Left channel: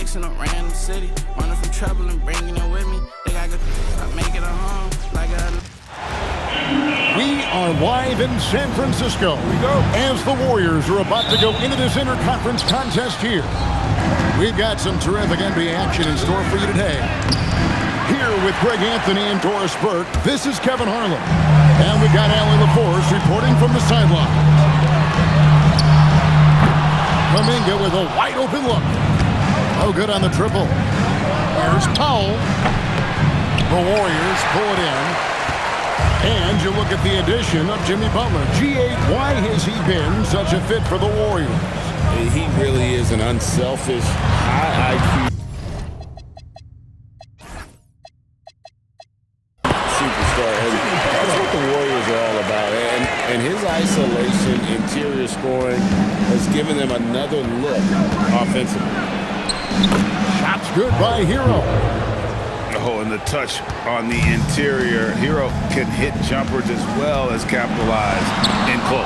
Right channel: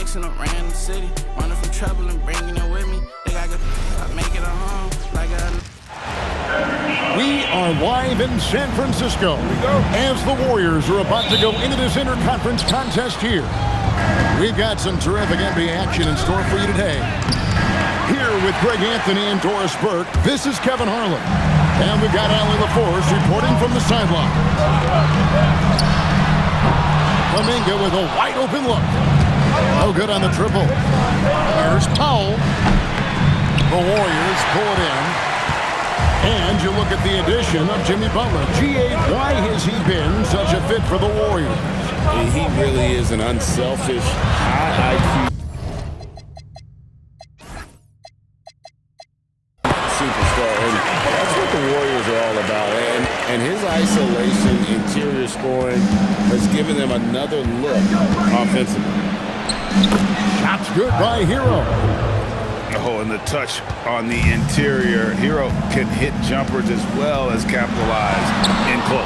next in a random city. Running from trouble and bringing it with me. They got good, I make it a home like a... We are live in San Francisco as the Warriors are about to go into this interconference contest here. We've got some terrific NBA action in store for you today. Here with Greg Anthony and Doris Burke, this is Kevin Harlan. And we've got Allie LaForce reporting from the sideline. Kuminga with a wide open look. No good on the triple. Here's Powell. The Warriors pull it in. And you look at the addition of Jimmy Butler. G.A., why has he been such a fit for the Warriors? He really is an unselfish, high IQ superstar, and that's what the Warriors are all about. And his isolation, interior scoring has given them another look offensively. Shots good by Hero. Oh, and the touch on the interior. Hero can hit jumpers as well as capitalize in close.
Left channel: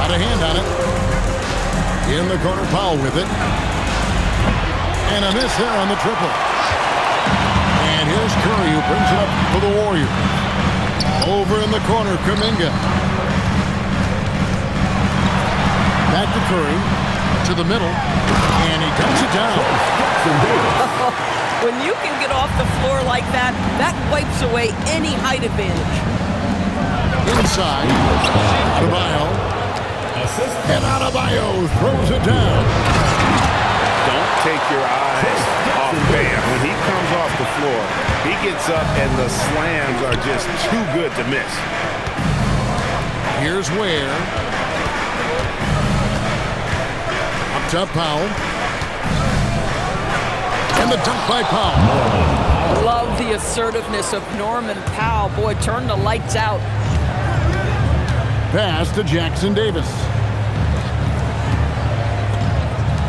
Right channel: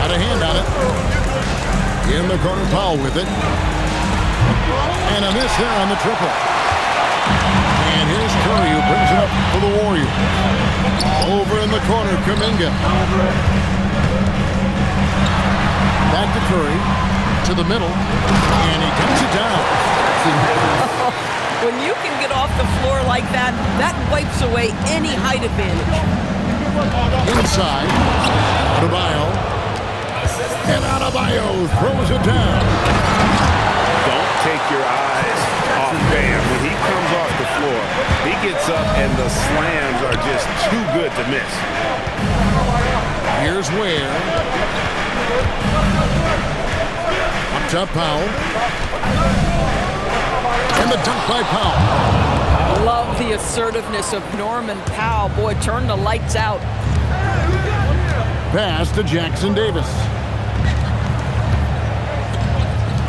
Got a hand on it. In the corner, Powell with it. And a miss there on the triple. And here's Curry who brings it up for the Warriors. Over in the corner, Kuminga. Back to Curry. To the middle. And he dumps it down. When you can get off the floor like that, that wipes away any height advantage. Inside, Adebayo. And Adebayo throws it down. Don't take your eyes off Bam. When he comes off the floor, he gets up and the slams are just too good to miss. Here's Ware. Up top, Powell. And the dunk by Powell. Love the assertiveness of Norman Powell. Boy, turn the lights out. Pass to Jackson Davis.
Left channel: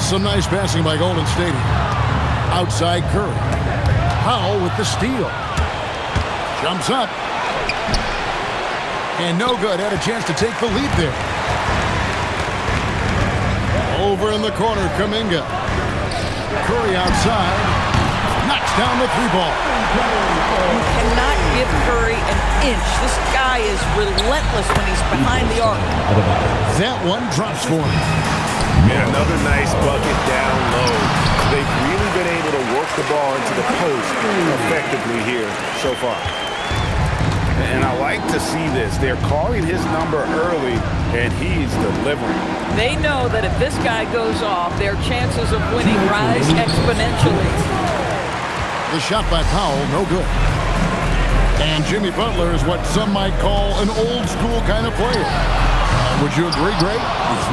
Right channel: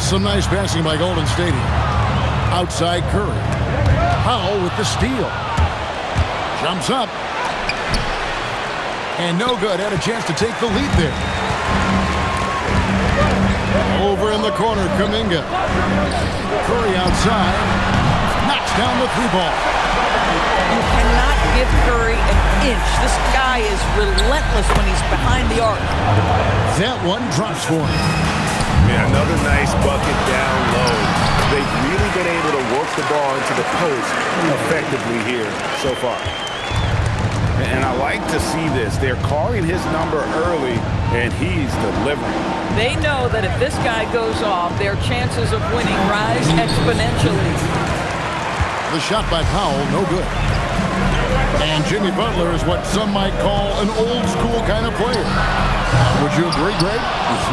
Some nice passing by Golden State here. Outside Curry. Powell with the steal. Jumps up. And no good. Had a chance to take the lead there. Over in the corner, Kuminga. Curry outside. Knocks down the three ball. You cannot give Curry an inch. This guy is relentless when he's behind the arc. That one drops for him. Yeah, another nice bucket down low. They've really been able to work the ball into the post effectively here so far. And I like to see this. They're calling his number early, and he's delivering. They know that if this guy goes off, their chances of winning rise exponentially. The shot by Powell, no good. And Jimmy Butler is what some might call an old-school kind of player. Would you agree, Greg?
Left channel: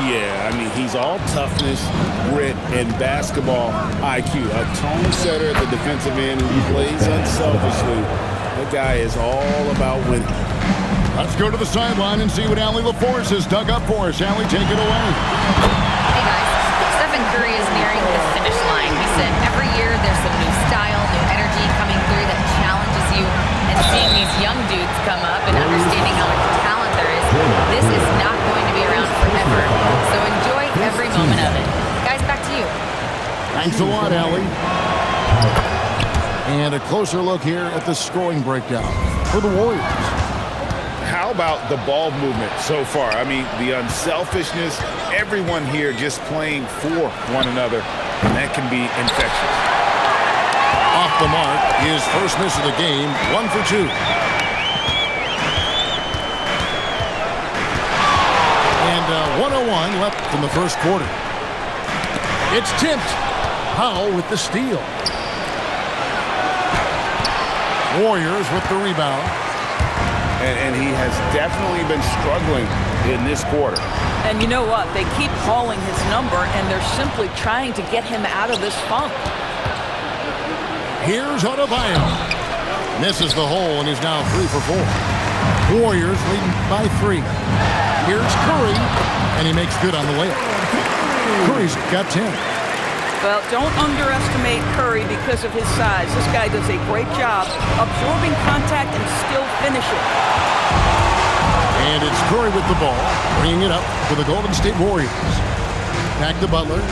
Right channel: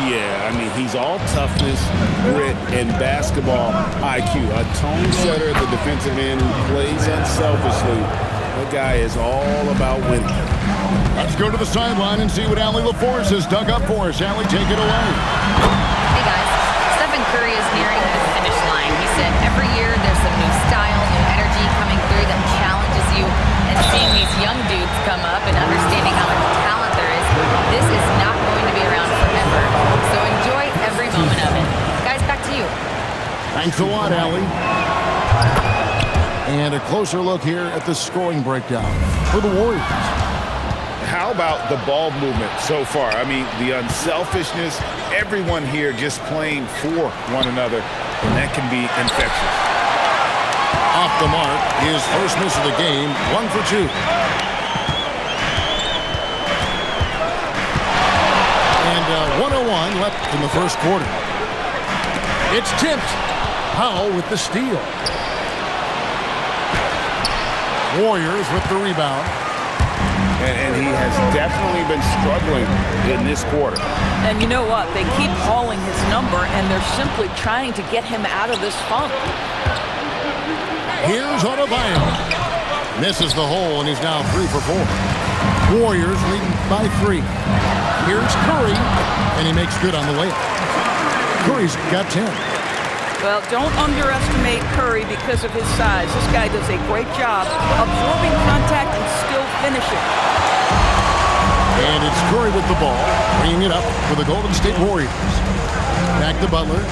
Yeah, I mean, he's all toughness, grit, and basketball IQ. A tone setter at the defensive end who plays unselfishly. That guy is all about winning. Let's go to the sideline and see what Allie LaForce has dug up for us. Allie, take it away. Hey, guys. Stephen Curry is nearing the finish line. He said every year there's some new style, new energy coming through that challenges you. And seeing these young dudes come up and understanding how much talent there is, this is not going to be around forever. So enjoy every moment of it. Guys, back to you. Thanks a lot, Allie. And a closer look here at the scoring breakdown for the Warriors. How about the ball movement so far? I mean, the unselfishness, everyone here just playing for one another, and that can be infectious. Off the mark, his first miss of the game, 1 for 2. And 1:01 left in the first quarter. It's tipped. Powell with the steal. Warriors with the rebound. And he has definitely been struggling in this quarter. And you know what? They keep calling his number, and they're simply trying to get him out of this funk. Here's Adebayo. Misses the hole, and he's now 3 for 4. Warriors leading by 3. Here's Curry, and he makes good on the layup. Curry's got 10. Well, don't underestimate Curry because of his size. This guy does a great job absorbing contact and still finishing. And it's Curry with the ball, bringing it up for the Golden State Warriors. Back to Butler.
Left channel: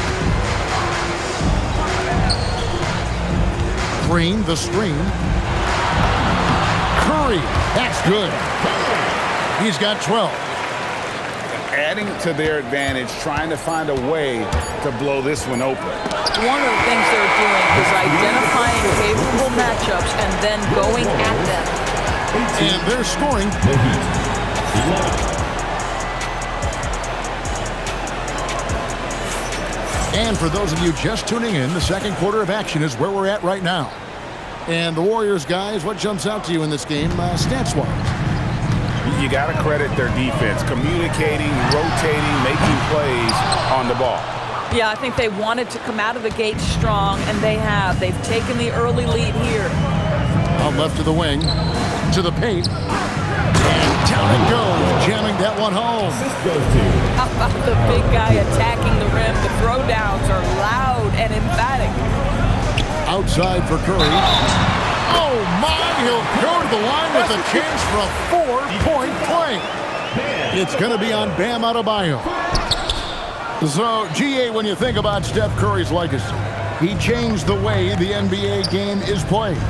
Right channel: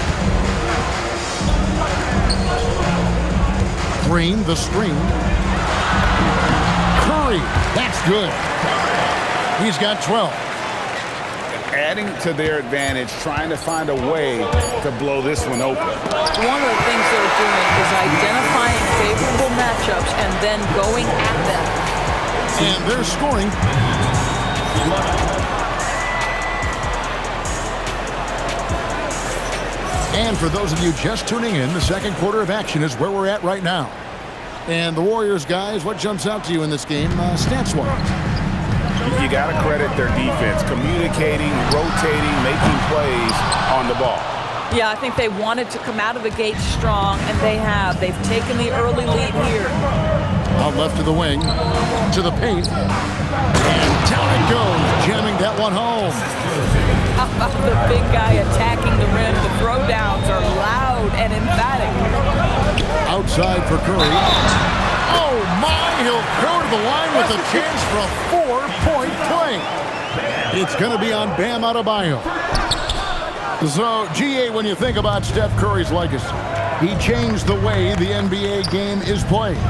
Green, the screen. Curry, that's good. He's got 12. Adding to their advantage, trying to find a way to blow this one open. One of the things they're doing is identifying favorable matchups and then going at them. And they're scoring. And for those of you just tuning in, the second quarter of action is where we're at right now. And the Warriors, guys, what jumps out to you in this game stats-wise? You got to credit their defense, communicating, rotating, making plays on the ball. Yeah, I think they wanted to come out of the gate strong, and they have. They've taken the early lead here. Out left to the wing, to the paint. And down it goes, jamming that one home. How about the big guy attacking the rim? The throwdowns are loud and emphatic. Outside for Curry. Oh, my, he'll go to the line with a chance for a 4-point play. It's going to be on Bam Adebayo. So, GA, when you think about Steph Curry's legacy, he changed the way the NBA game is played.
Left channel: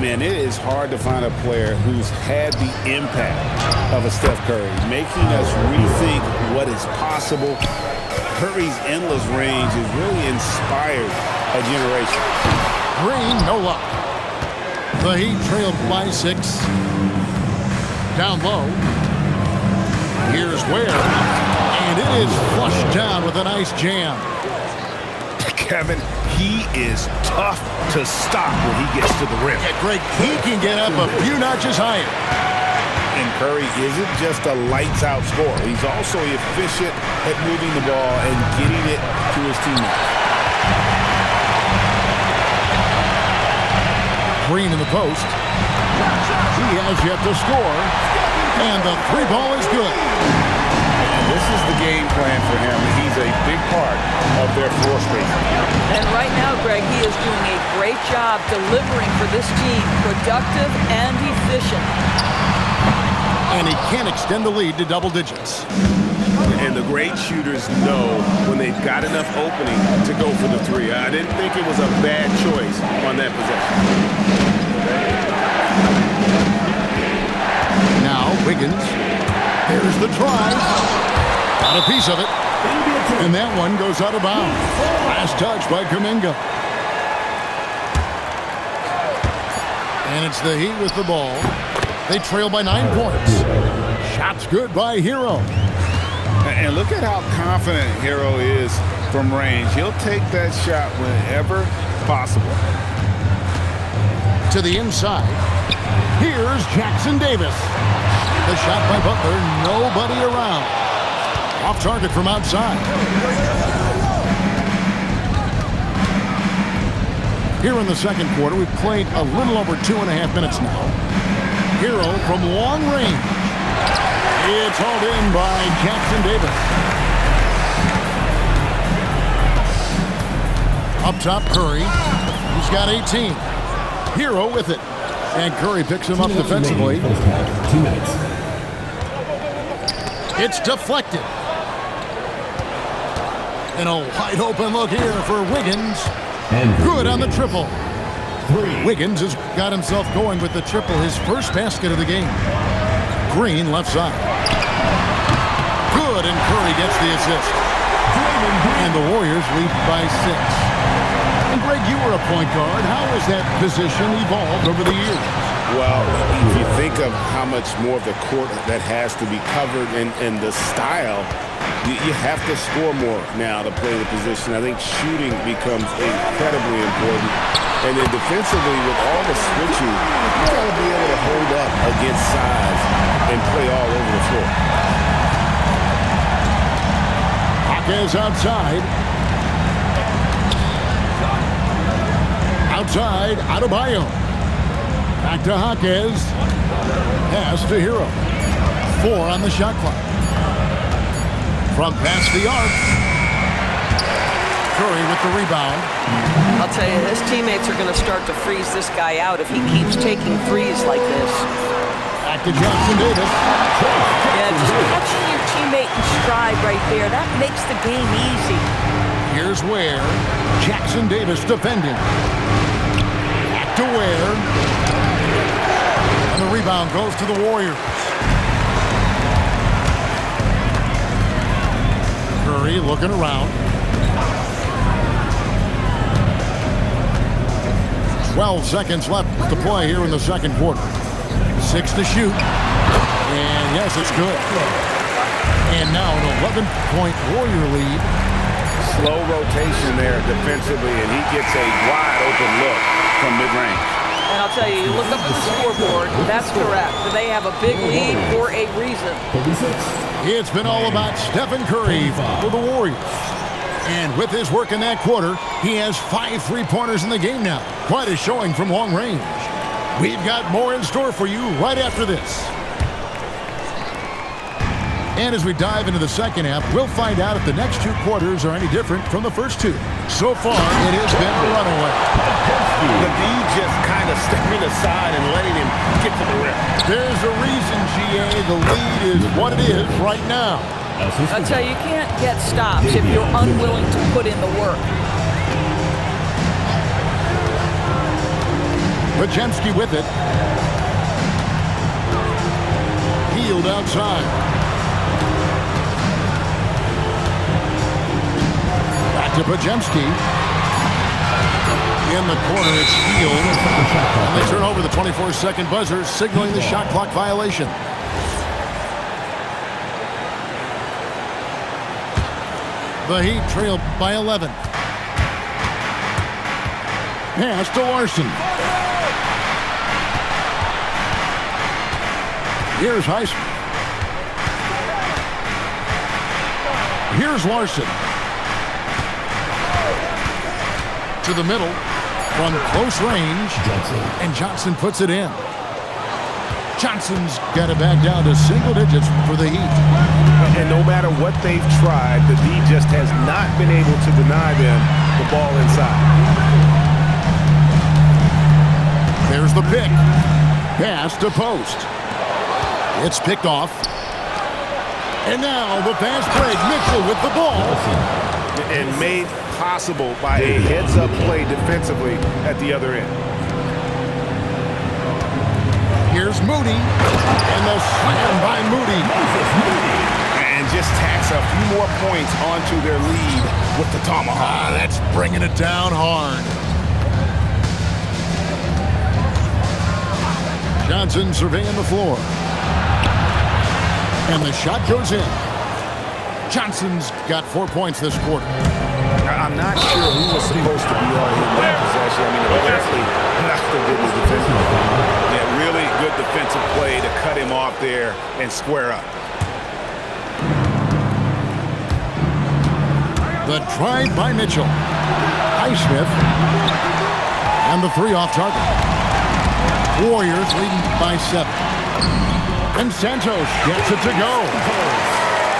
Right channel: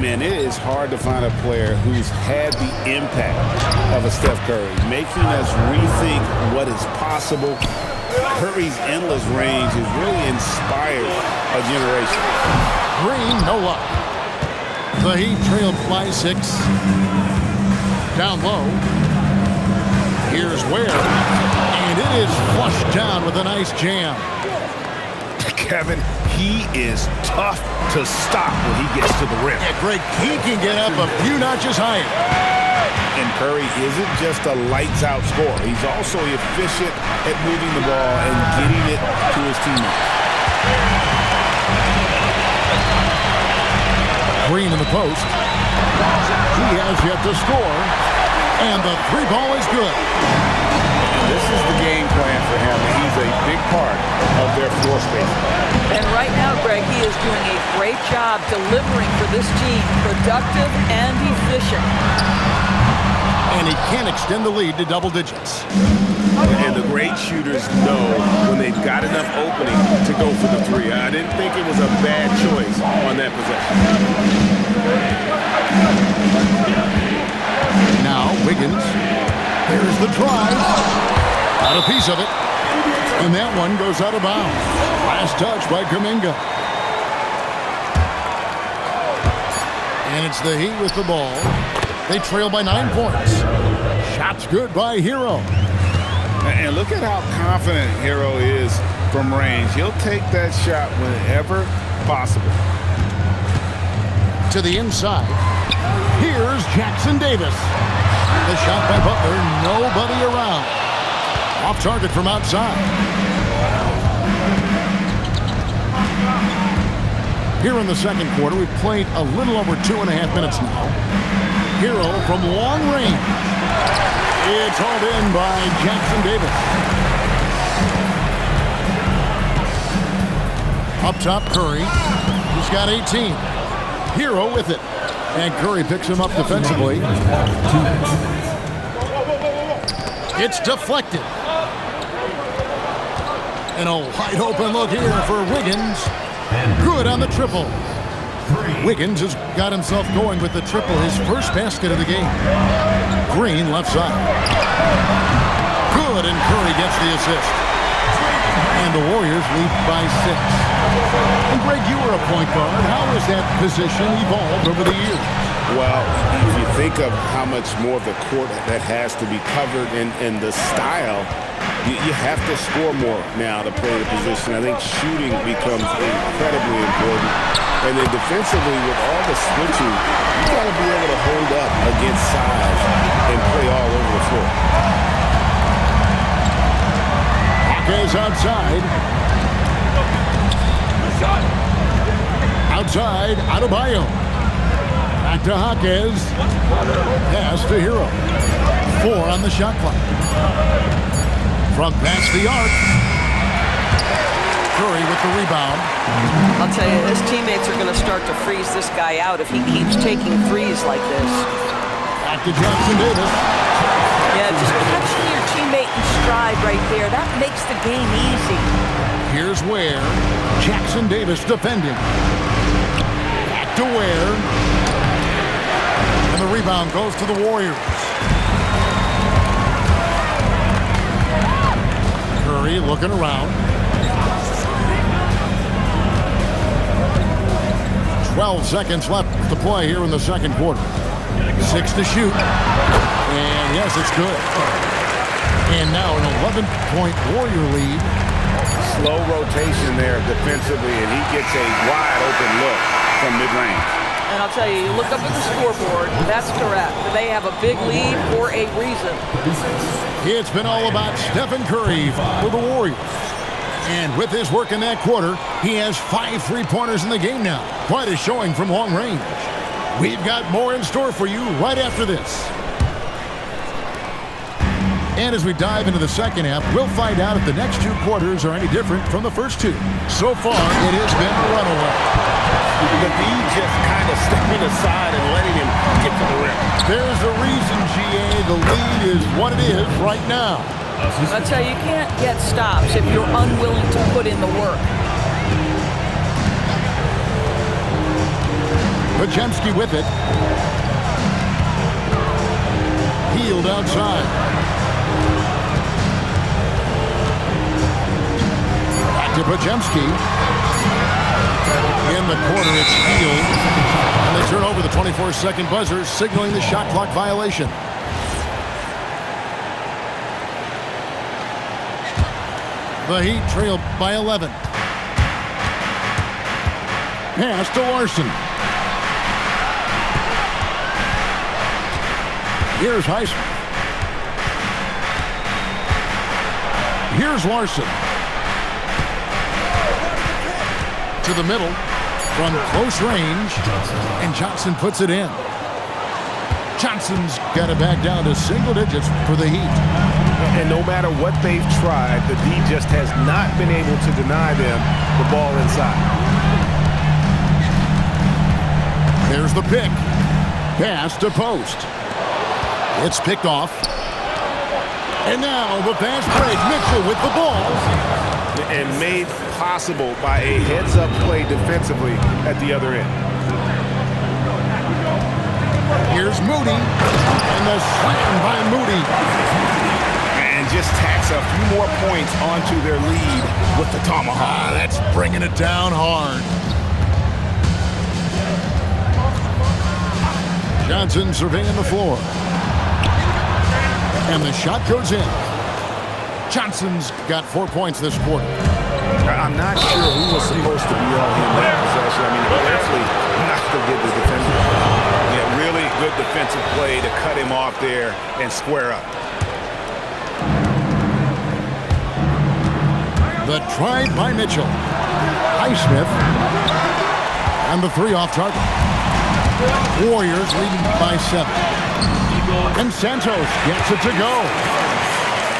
Man, it is hard to find a player who's had the impact of a Steph Curry, making us rethink what is possible. Curry's endless range has really inspired a generation. Green, no luck. The Heat trailed by 6. Down low. Here's Ware. And it is flushed down with a nice jam. Kevin, he is tough to stop when he gets to the rim. Yeah, Greg, he can get up a few notches higher. And Curry isn't just a lights-out scorer. He's also efficient at moving the ball and getting it to his teammates. Green in the post. He has yet to score. And the three ball is good. And this is the game plan for him. He's a big part of their floor spacing. And right now, Greg, he is doing a great job delivering for this team. Productive and efficient. And he can extend the lead to double digits. And the great shooters know when they've got enough opening to go for the three. I didn't think it was a bad choice on that possession. Now Wiggins. There's the drive. Got a piece of it. And that one goes out of bounds. Last touch by Kuminga. And it's the Heat with the ball. They trail by 9 points. Shot's good by Hero. And look at how confident Hero is from range. He'll take that shot whenever possible. To the inside. Here's Jackson Davis. The shot by Butler. Nobody around. Off target from outside. Here in the second quarter, we've played a little over 2.5 minutes now. Hero from long range. It's hauled in by Jackson Davis. Up top, Curry. He's got 18. Hero with it. And Curry picks him up defensively. 2 minutes. It's deflected. And a wide open look here for Wiggins. Good on the triple. Wiggins has got himself going with the triple, his first basket of the game. Green left side. Good, and Curry gets the assist. And the Warriors lead by 6. And Greg, you were a point guard. How has that position evolved over the years? Well, if you think of how much more of the court that has to be covered and the style, you have to score more now to play the position. I think shooting becomes incredibly important. And then defensively, with all the switching, you got to be able to hold up against size and play all over the floor. Hawkes outside. Outside, Adebayo. Back to Hawkes. Pass to Hero. 4 on the shot clock. From past the arc. Curry with the rebound. I'll tell you, his teammates are going to start to freeze this guy out if he keeps taking threes like this. Back to Jackson Davis. Yeah, just catching your teammate in stride right there, that makes the game easy. Here's Ware. Jackson Davis defending. Back to Ware. And the rebound goes to the Warriors. Curry looking around. 12 seconds left to play here in the second quarter. 6 to shoot. And yes, it's good. And now an 11-point Warrior lead. Slow rotation there defensively, and he gets a wide open look from mid-range. And I'll tell you, you look up at the scoreboard, that's correct. They have a big lead for a reason. It's been all about Stephen Curry for the Warriors. And with his work in that quarter, he has 5 3-pointers in the game now. Quite a showing from long range. We've got more in store for you right after this. And as we dive into the second half, we'll find out if the next 2 quarters are any different from the first 2. So far, it has been a runaway. The D just kind of stepping aside and letting him get to the rim. There's a reason, GA, the lead is what it is right now. I tell you, you can't get stops if you're unwilling to put in the work. Podziemski with it. Hield outside. Back to Podziemski. In the corner, it's Hield. And they turn over the 24-second buzzer, signaling the shot clock violation. The Heat trail by 11. Pass to Larson. Here's Highsmith. Here's Larson. To the middle from close range. And Johnson puts it in. Johnson's got it back down to single digits for the Heat. And no matter what they've tried, the D just has not been able to deny them the ball inside. There's the pick. Pass to Post. It's picked off. And now the fast break. Mitchell with the ball. And made possible by a heads-up play defensively at the other end. Here's Moody. And the slam by Moody. And just tacks a few more points onto their lead with the tomahawk. That's bringing it down hard. Johnson surveying the floor. And the shot goes in. Johnson's got 4 points this quarter. I'm not sure who was supposed to be on him that possession. I mean, apparently neither did the defender. Yeah, really good defensive play to cut him off there and square up. The drive by Mitchell. Highsmith. And the 3 off target. Warriors leading by 7. And Santos gets it to go.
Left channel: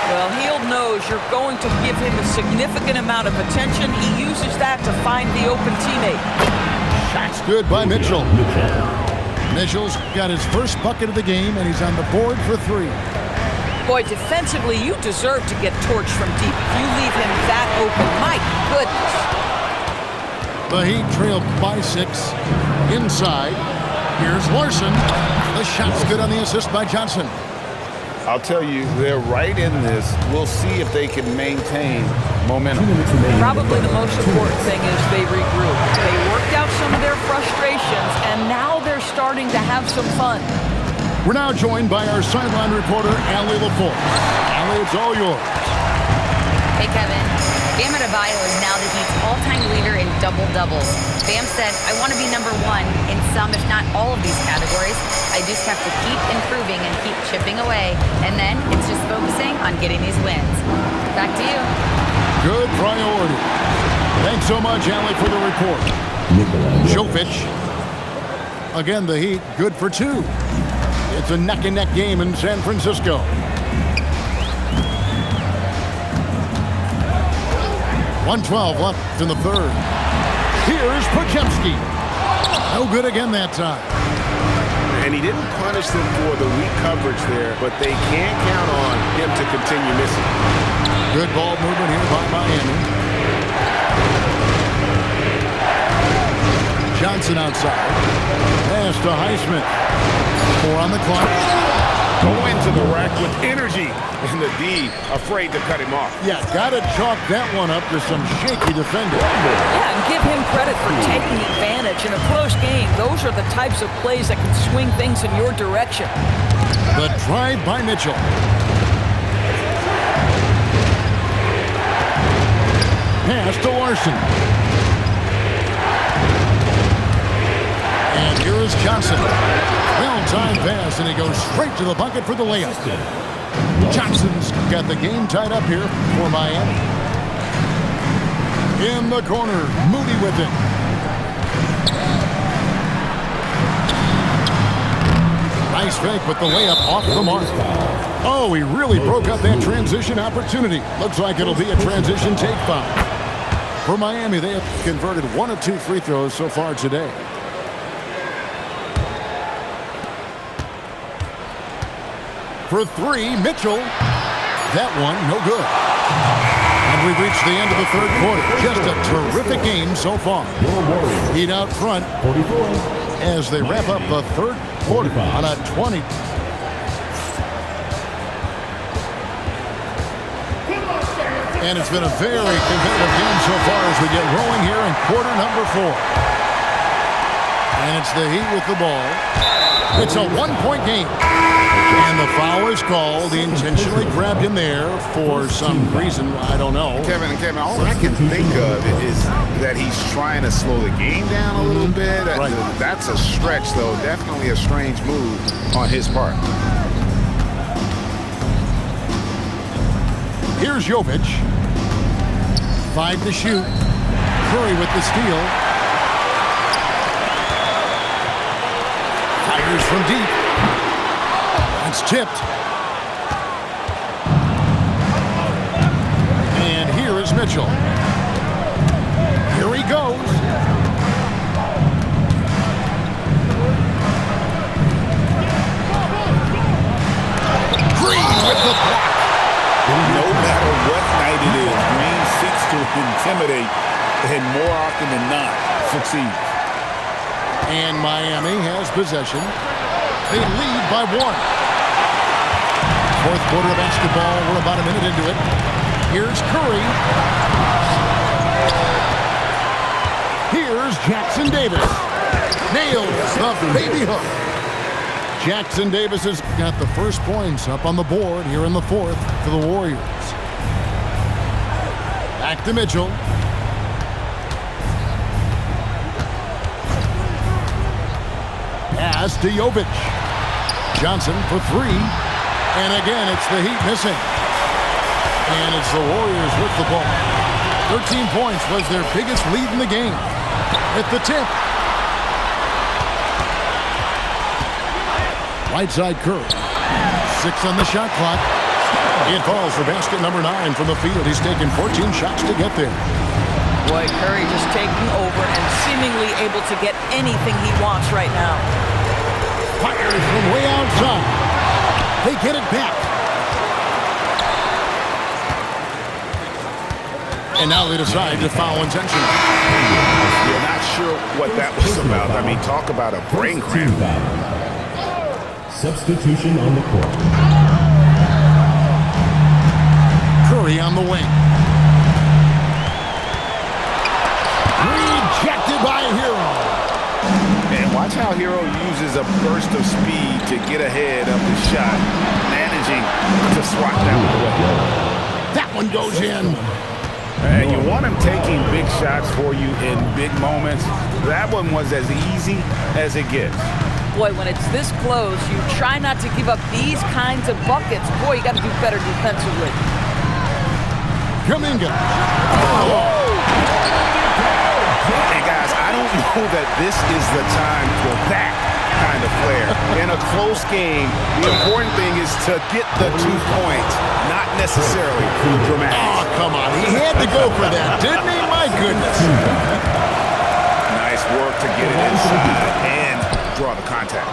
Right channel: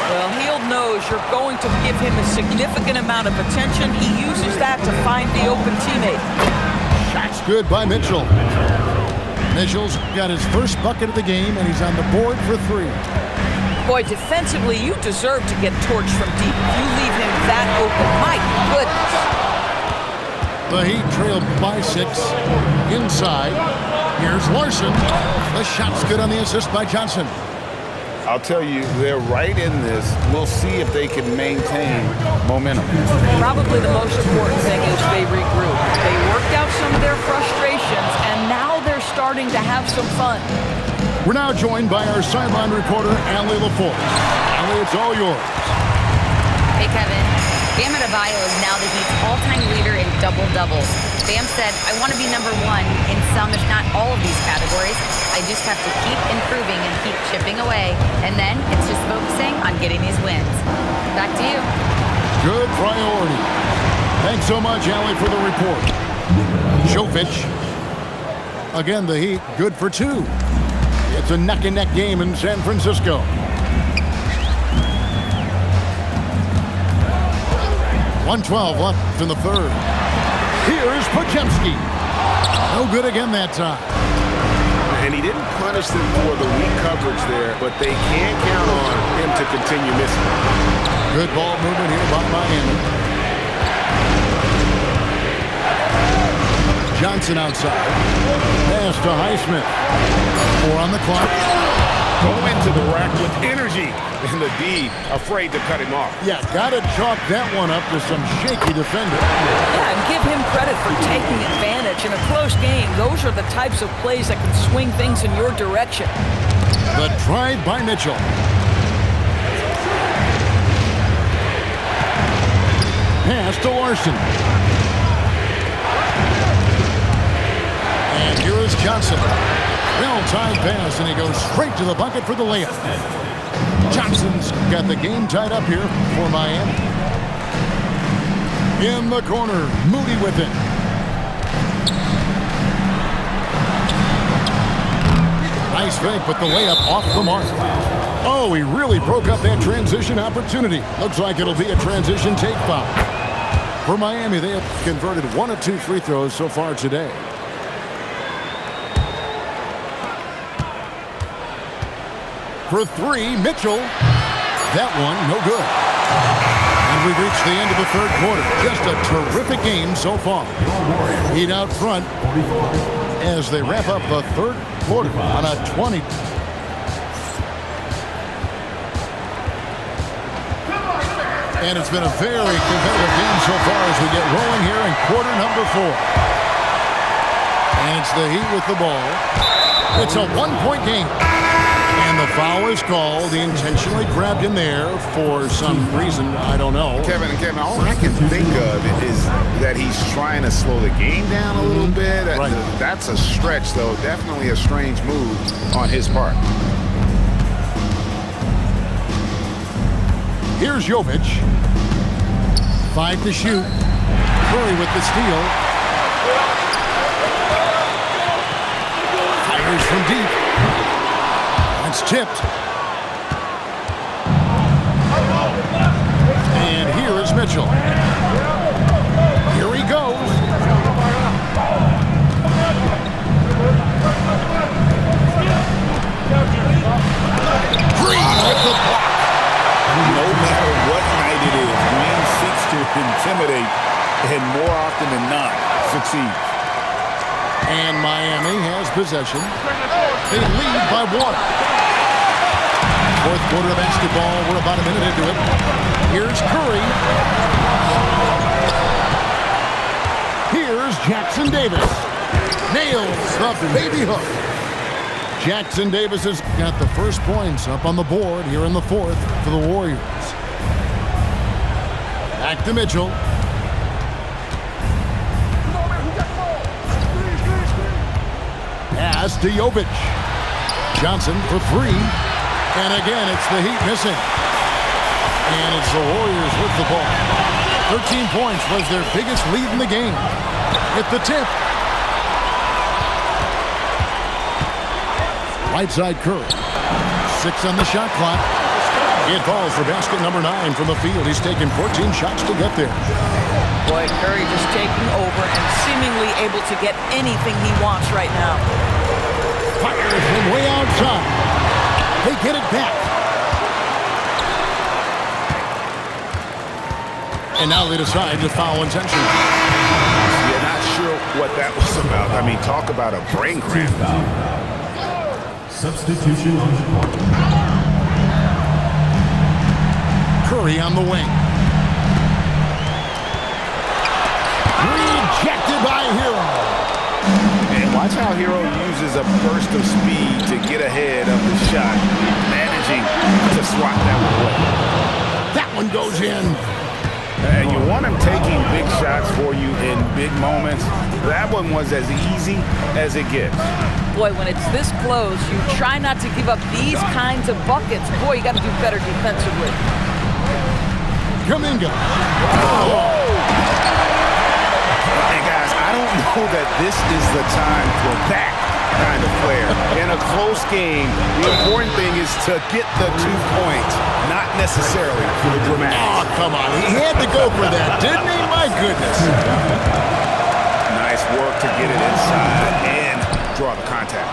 Well, Hield knows you're going to give him a significant amount of attention. He uses that to find the open teammate. Shot's good by Mitchell. Mitchell's got his first bucket of the game, and he's on the board for 3. Boy, defensively, you deserve to get torched from deep if you leave him that open. My goodness. The Heat trail by 6. Inside. Here's Larson. The shot's good on the assist by Johnson. I'll tell you, they're right in this. We'll see if they can maintain momentum. Probably the most important thing is they regroup. They worked out some of their frustrations, and now they're starting to have some fun. We're now joined by our sideline reporter, Allie LaForce. Allie, it's all yours. Hey, Kevin. Bam Adebayo is now the Heat's all-time leader in double-doubles. Bam said, I want to be number 1 in some, if not all of these categories. I just have to keep improving and keep chipping away. And then it's just focusing on getting these wins. Back to you. Good priority. Thanks so much, Allie, for the report. Jovic. Again, the Heat, good for 2. It's a neck-and-neck game in San Francisco. .112 left in the third. Here's Podziemski. No good again that time. And he didn't punish them for the weak coverage there, but they can't count on him to continue missing. Good ball movement here by Miami. Johnson outside. Pass to Highsmith. 4 on the clock. Go into the rack with energy. And the D afraid to cut him off. Yeah, got to chalk that one up to some shaky defending. Yeah, and give him credit for taking advantage. In a close game, those are the types of plays that can swing things in your direction. The drive by Mitchell. Pass to Larson. And here is Johnson. Well-timed pass, and he goes straight to the bucket for the layup. Johnson's got the game tied up here for Miami. In the corner, Moody with it. Nice fake, but the layup off the mark. Oh, he really broke up that transition opportunity. Looks like it'll be a transition take foul. For Miami, they have converted 1 of 2 free throws so far today. For 3, Mitchell. That one, no good. And we've reached the end of the third quarter. Just a terrific game so far. Heat out front as they wrap up the third quarter on a 20. And it's been a very competitive game so far as we get rolling here in quarter number 4. And it's the Heat with the ball. It's a 1-point game. And the foul is called. He intentionally grabbed him there for some reason. I don't know. Kevin, all I can think of is that he's trying to slow the game down a little bit. Right. That's a stretch, though. Definitely a strange move on his part. Here's Jovic. 5 to shoot. Curry with the steal. Fires from deep. That's tipped. And here is Mitchell. Here he goes. Green with the block. No matter what night it is, Green seeks to intimidate and more often than not succeeds. And Miami has possession. They lead by 1. Fourth quarter of basketball. We're about a minute into it. Here's Curry. Here's Jackson Davis. Nails the baby hook. Jackson Davis has got the first points up on the board here in the fourth for the Warriors. Back to Mitchell. Pass to Jovic. Johnson for 3. And again, it's the Heat missing. And it's the Warriors with the ball. 13 points was their biggest lead in the game. At the tip. Right side Curry. 6 on the shot clock. It falls for basket number 9 from the field. He's taken 14 shots to get there. Boy, Curry just taking over and seemingly able to get anything he wants right now. Fires from way outside. They get it back. And now they decide to foul intentionally. Yeah, not sure what that was about. I mean, talk about a brain cramp. Substitution on the court. Curry on the wing. Rejected by Hero. And watch how Hero uses a burst of speed to get ahead of the shot, managing to swat that one away. That one goes in. And you want him taking big shots for you in big moments. That one was as easy as it gets. Boy, when it's this close, you try not to give up these kinds of buckets. Boy, you got to do better defensively. Kuminga. And guys, I don't know that this is the time for that kind of flair. In a close game, the important thing is to get the 2 points, not necessarily the dramatics. Oh, come on. He had to go for that, didn't he? My goodness. Nice work to get it inside and draw the contact.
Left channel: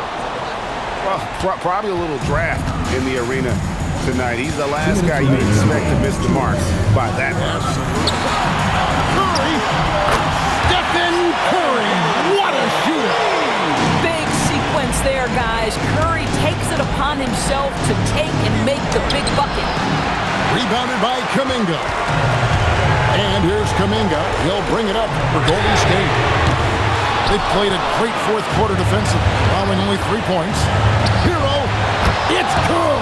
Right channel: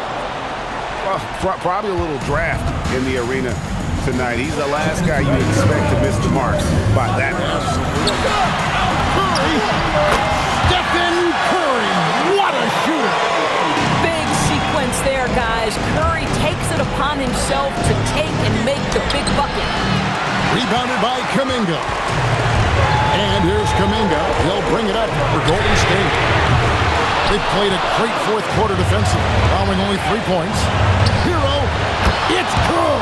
Well, probably a little draft in the arena tonight. He's the last guy you'd expect to miss the mark by that much. Curry. Stephen Curry. What a sequence there, guys. Curry takes it upon himself to take and make the big bucket. Rebounded by Kuminga. And here's Kuminga. He'll bring it up for Golden State. They played a great fourth quarter defensively, allowing only 3 points. Hero, it's good!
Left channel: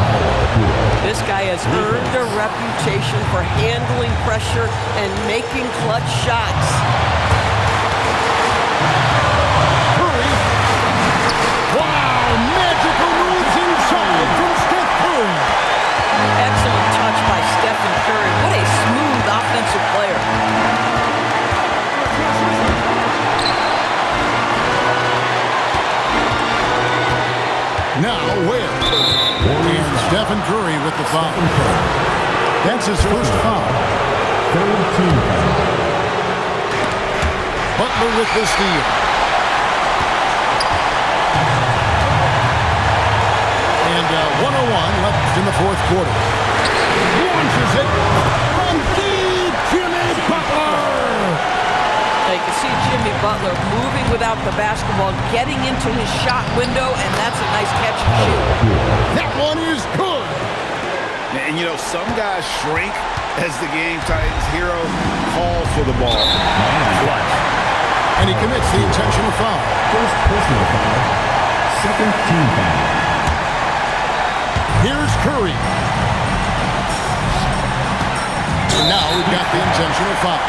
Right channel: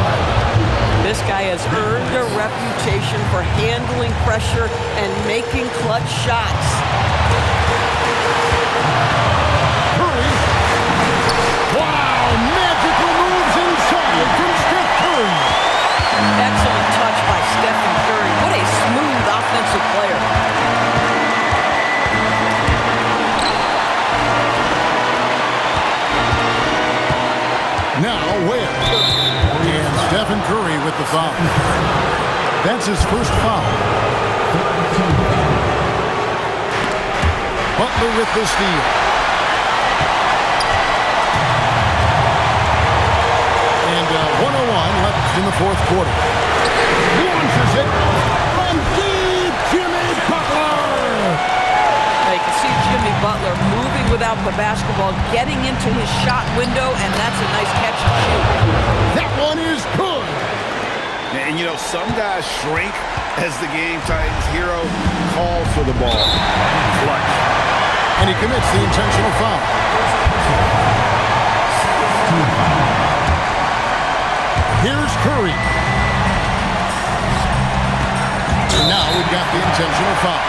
This guy has earned a reputation for handling pressure and making clutch shots. Curry. Wow, magical moves inside from Steph Curry. Excellent touch by Stephen Curry. What a smooth offensive player. Now where? And Stephen Curry with the foul. That's his first foul. Butler with the steal. And 1:01 left in the fourth quarter. Launches it from deep, Jimmy Butler. You can see Jimmy Butler moving without the basketball, getting into his shot window, and that's a nice catch and shoot. That one is good. And, you know, some guys shrink as the game tightens. Hero calls for the ball. Clutch. And he commits the intentional foul. First personal foul. Second team foul. Here's Curry. And now we've got the intentional foul.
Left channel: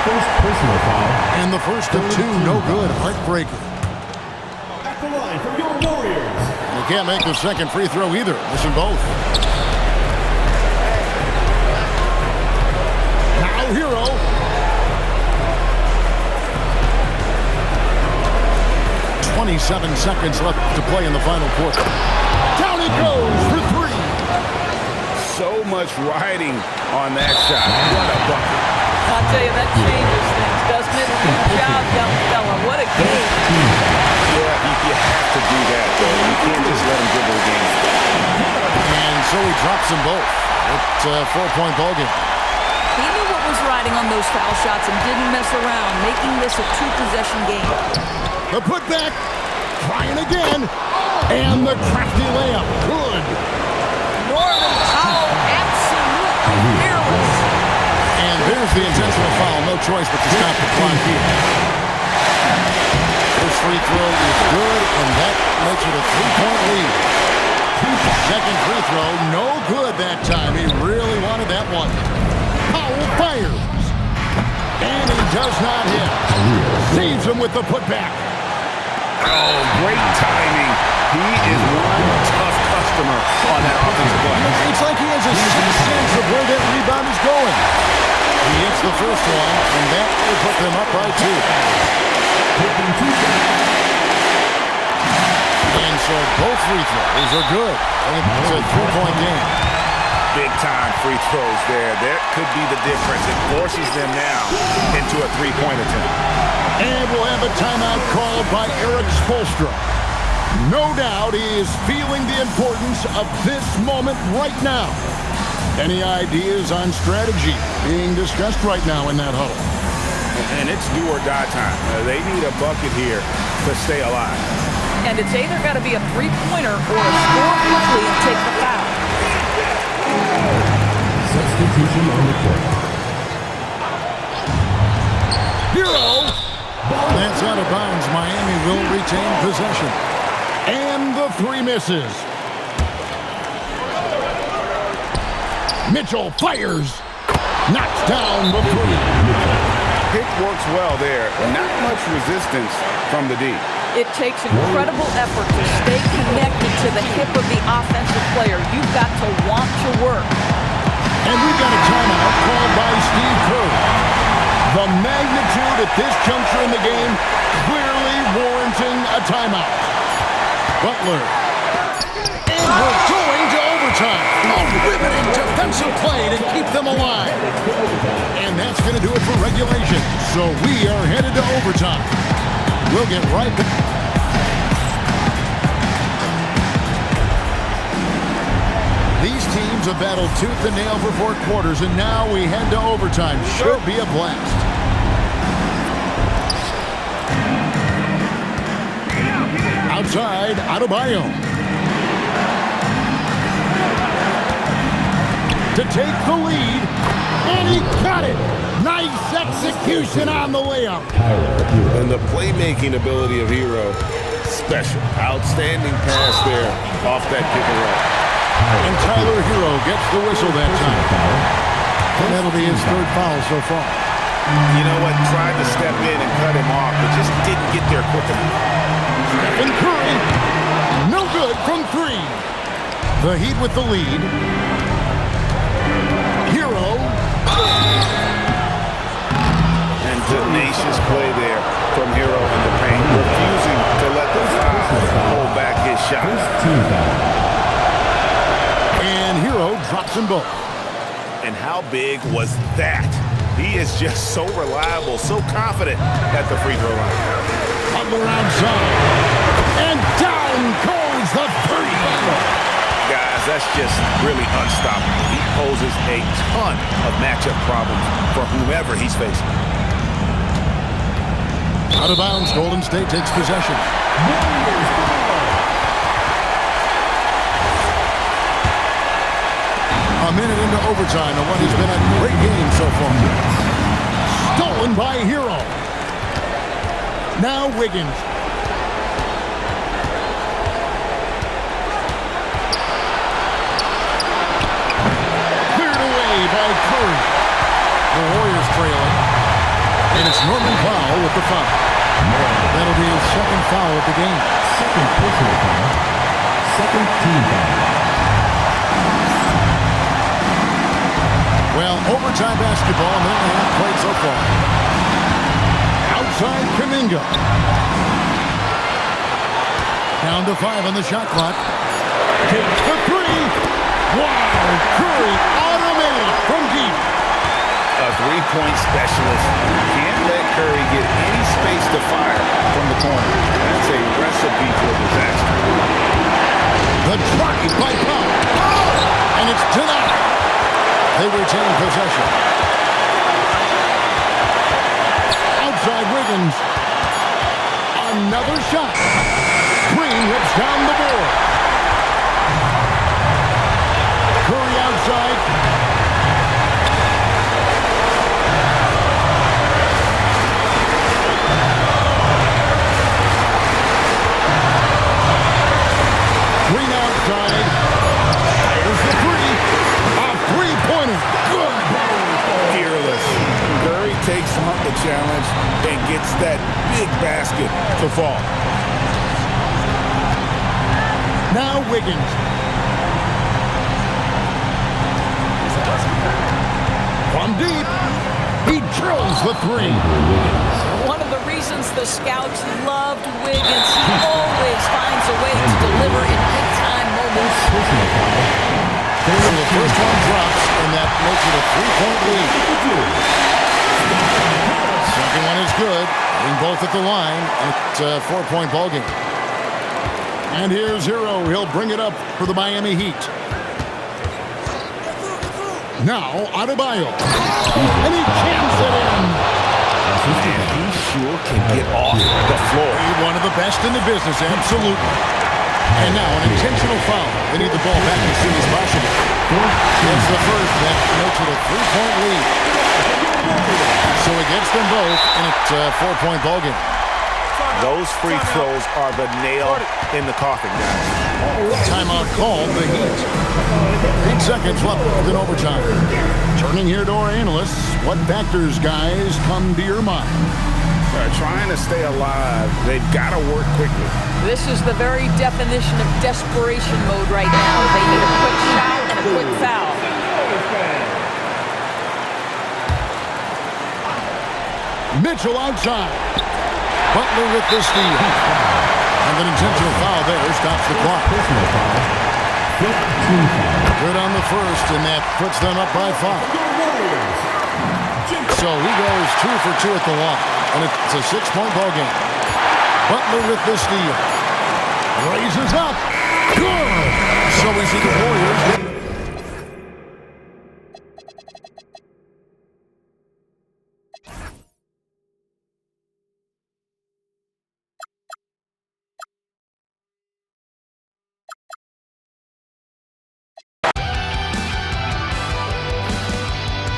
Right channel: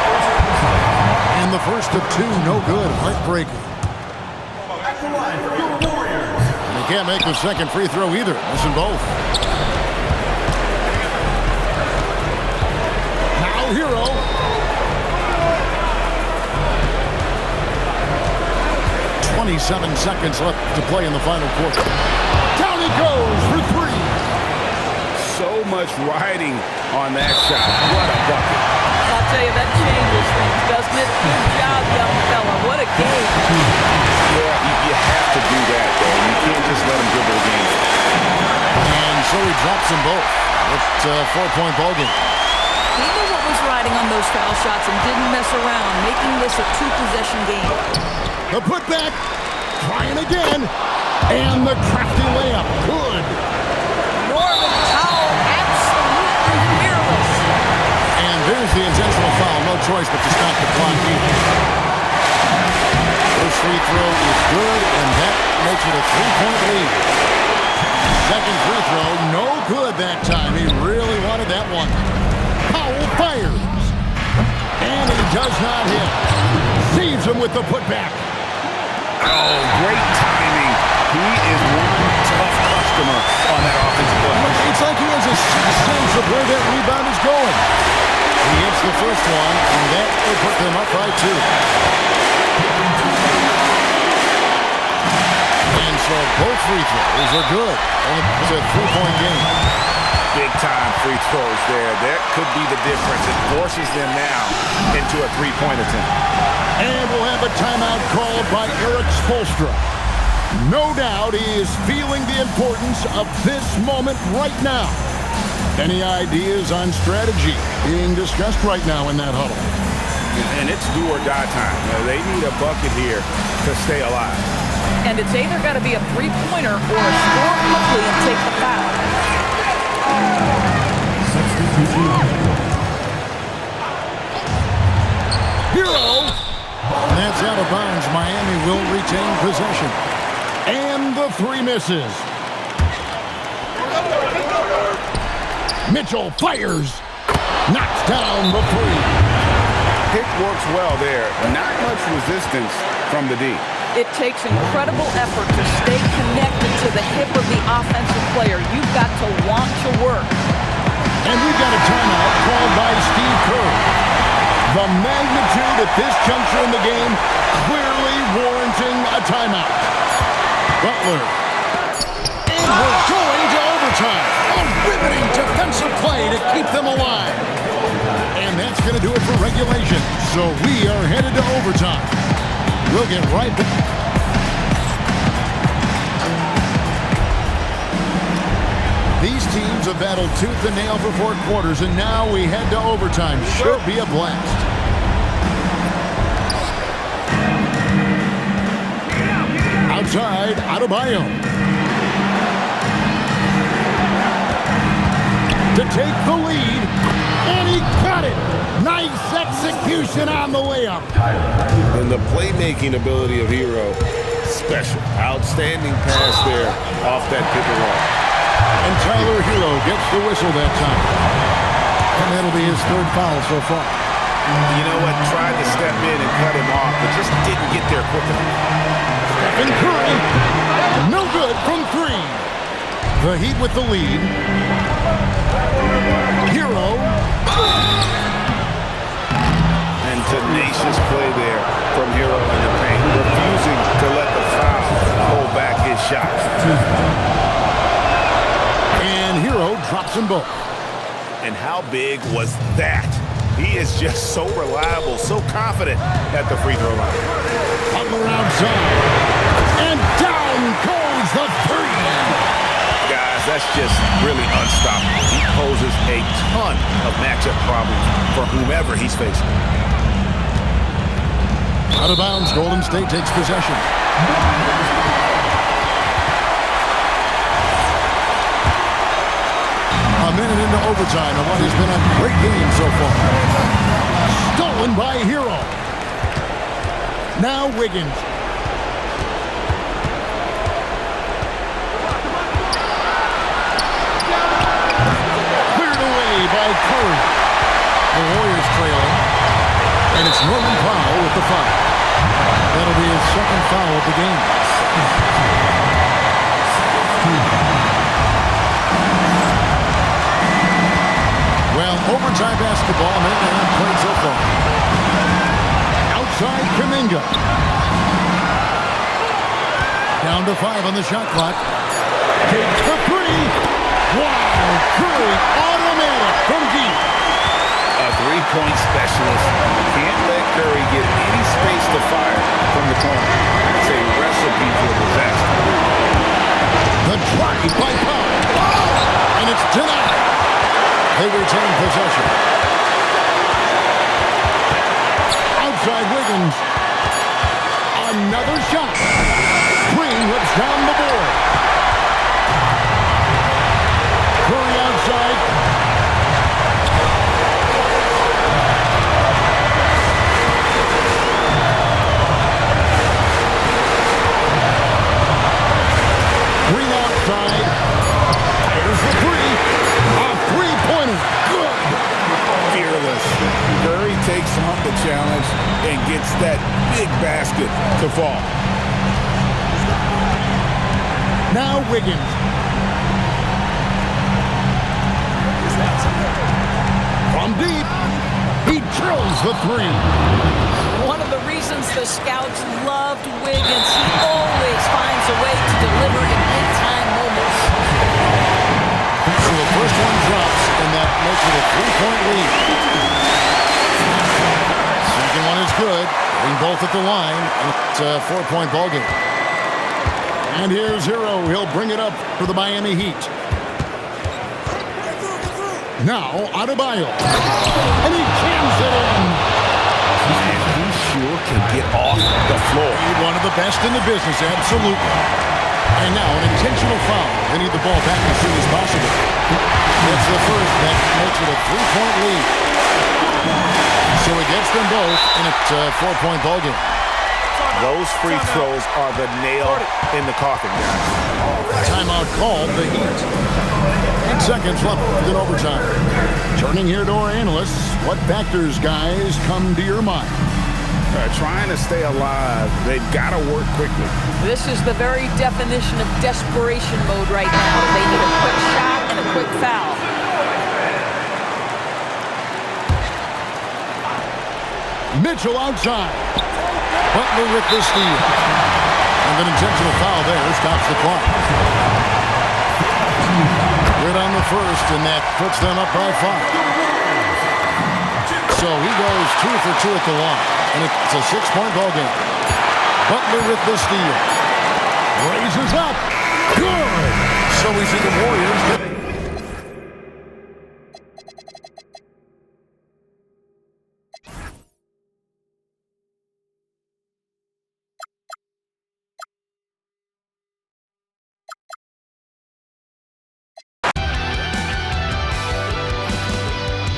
First personal foul. And the first of two, no good. Heartbreaker. At the line for your Warriors. And he can't make the second free throw either. Missing both. Now Hero. .27 seconds left to play in the final quarter. Down it goes for three. So much riding on that shot. What a bucket. I'll tell you, that changes things, doesn't it? Good job, young fella. What a game. Yeah, you have to do that, though. You can't just let him dribble the game. And so he drops them both. It's a 4-point ball game. He knew what was riding on those foul shots and didn't mess around, making this a two-possession game. The putback, trying again, and the crafty layup, good. Norman Powell, absolutely fearless. And there's the intentional foul, no choice but to stop the clock here. First free throw is good, and that makes it a 3-point lead. Second free throw, no good that time. He really wanted that one. Powell fires, and he does not hit. Saves him with the putback. Oh, great timing. He is one tough customer on that offensive play. It's like he has a sixth sense of where that rebound is going. He hits the first one, and that will put them up by 2. And so both free throws are good, and it's a 3-point game. Big-time free throws there. That could be the difference. It forces them now into a 3-point attempt. And we'll have a timeout called by Erik Spoelstra. No doubt he is feeling the importance of this moment right now. Any ideas on strategy being discussed right now in that huddle? And it's do or die time. They need a bucket here to stay alive. And it's either got to be a three-pointer or a score quickly and take the foul. Substitution on the court. Hero! That's out of bounds. Miami will retain possession. And the three misses. Mitchell fires. Knocks down the three. Pick works well there. Not much resistance from the D. It takes incredible effort to stay connected to the hip of the offensive player. You've got to want to work. And we've got a timeout called by Steve Kerr. The magnitude at this juncture in the game clearly warranting a timeout. Butler. And we're going to overtime. A riveting defensive play to keep them alive. And that's going to do it for regulation. So we are headed to overtime. We'll get right back. These teams have battled tooth and nail for 4 quarters, and now we head to overtime. Should be a blast. Outside, Adebayo. To take the lead, and he got it. Nice execution on the layup. And the playmaking ability of Hero, special. Outstanding pass there off that pick and roll. And Tyler Hero gets the whistle that time. And that'll be his third foul so far. You know what? Tried to step in and cut him off, but just didn't get there quick enough. Stephen Curry, no good from three. The Heat with the lead. Hero. And tenacious play there from Hero in the paint, refusing to let the foul hold back his shot. And Hero drops them both. And how big was that? He is just so reliable, so confident at the free throw line. Butler outside. And down goes the three. Guys, that's just really unstoppable. He poses a ton of matchup problems for whomever he's facing. Out of bounds, Golden State takes possession. A minute into overtime of what has been a great game so far. Stolen by Hero. Now Wiggins. Cleared away by Curry. The Warriors trailing. And it's Norman Powell with the foul. That'll be his second foul of the game. Second team foul. Well, overtime basketball, a minute and a half played so far. Outside Kuminga. Down to 5 on the shot clock. Takes the three. Wow, Curry automatic from deep. A three-point specialist can't let Curry get any space to fire from the corner. That's a recipe for disaster. The drive by Powell. And it's denied. They retain possession. Outside Wiggins. Another shot. Green rips down the board. Curry outside. Green outside. There's the three. A three-pointer. Good. Fearless. Curry takes on the challenge and gets that big basket to fall. Now Wiggins. From deep. He drills the three. One of the reasons the scouts loved Wiggins, he always finds a way to deliver in big-time moments. So the first one drops, and that makes it a three-point lead. Second one is good. Getting both at the line, and it's a four-point ball game. And here's Hero. He'll bring it up for the Miami Heat. Now, Adebayo. And he jams it in. Man, he sure can get off the floor. He's one of the best in the business, absolutely. And now an intentional foul. They need the ball back as soon as possible. That's the first. That makes it a three-point lead. So he gets them both, and it's a four-point ball game. Those free throws are the nail in the coffin, guys. Timeout called, the Heat. 8 seconds left in overtime. Turning here to our analysts, what factors, guys, come to your mind? Trying to stay alive, they've got to work quickly. This is the very definition of desperation mode right now. They need a quick shot and a quick foul. Mitchell outside. Butler with the steal. And an intentional foul there stops the clock. Good on the first, and that puts them up by 5. So he goes 2 for 2 at the line, and it's a 6-point ball game. Butler with the steal. Raises up. Good. So we see the Warriors get